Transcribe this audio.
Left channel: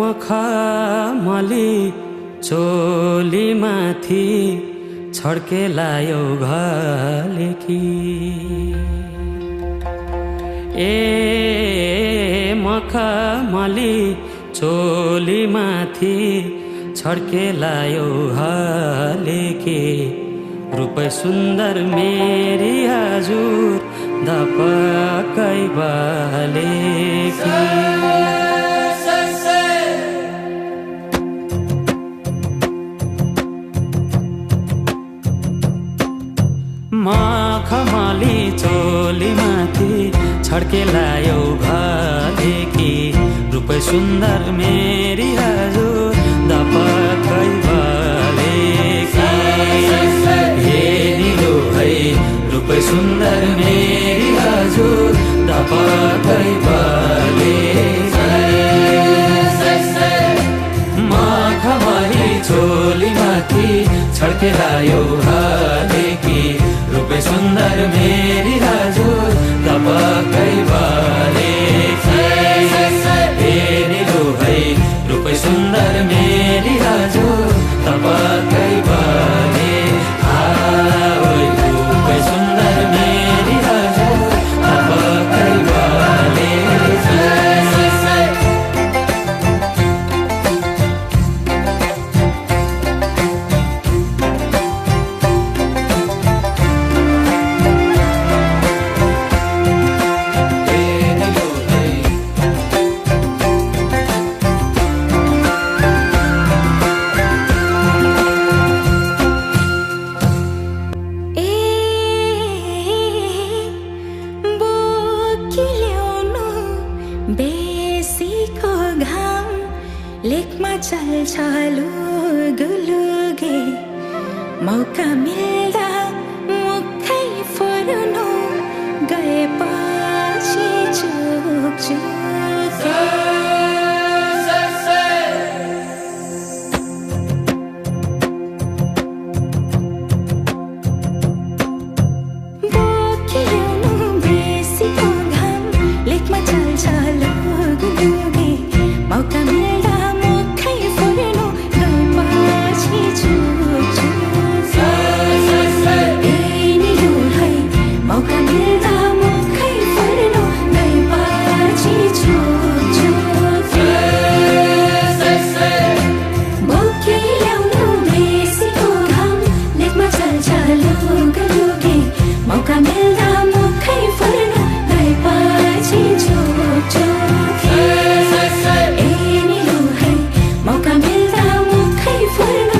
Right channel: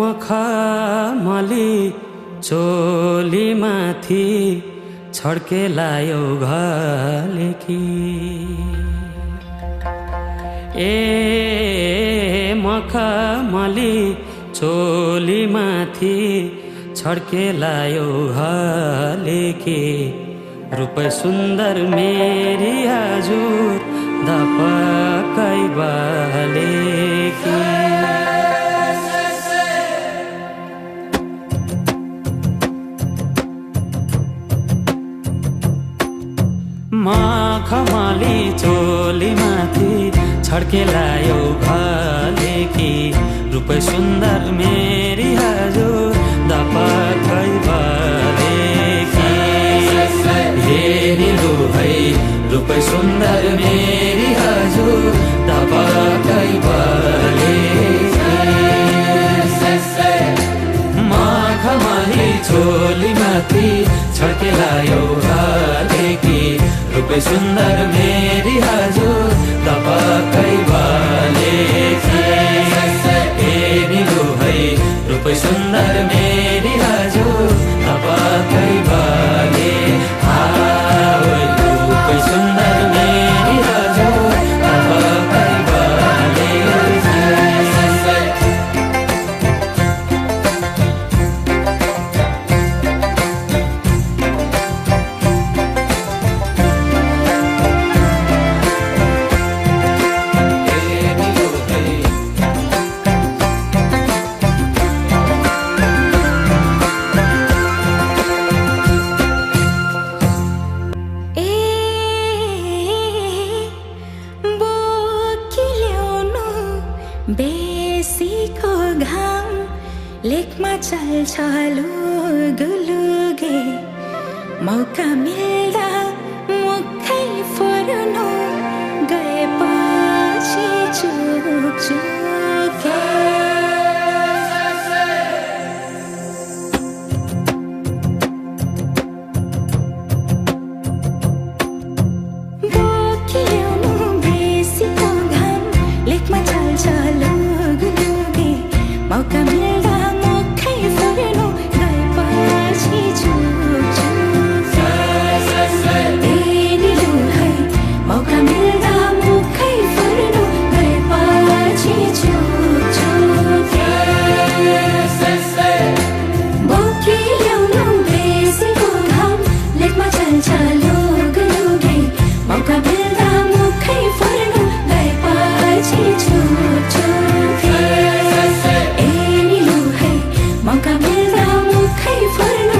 मखमली चोलीमाथि छड्के लायो घलेकी ए मखमली चोलीमाथि छड्के लायो घलेकी रूपै सुन्दर मेरी हजुर दपकै बालेकी मखमली चोलीमाथि छड्के लायो घलेकी रूपै सुन्दर मेरी हजुर दपकै बालेकी हे निलो है रूपै सुन्दर मेरी हजुर दपकै बालेकी मखमली चोलीमाथि छड्के लायो घलेकी रूपै सुन्दर मेरी हजुर दपकै बालेकी हे निलो है रूपै सुन्दर मेरी हजुर दपकै बाले रूपै सुन्दर मेरी हजुर दपकै बालेकी बेसीको घाम लेखमा चल्छ लुगुलुगे मौका मिल्दा मुखै फुर्नु गएपछि चुकचुके बोकिल्याउनु बेसीको घाम लेखमा चल्छ लुगुलुगे मौका मिल्दा मुखै फुर्नु गएपछि चुकचुके ए निलो है मौका मिल्दा मुखै फुर्नु गएपछि चुकचुके बोकिल्याउनु बेसीको घाम लेखमा चल्छ लुगुलुगे मौका मिल्दा मुखै फुर्नु गएपछि चुकचुके ए निलो है मौका मिल्दा मुखै फुर्नु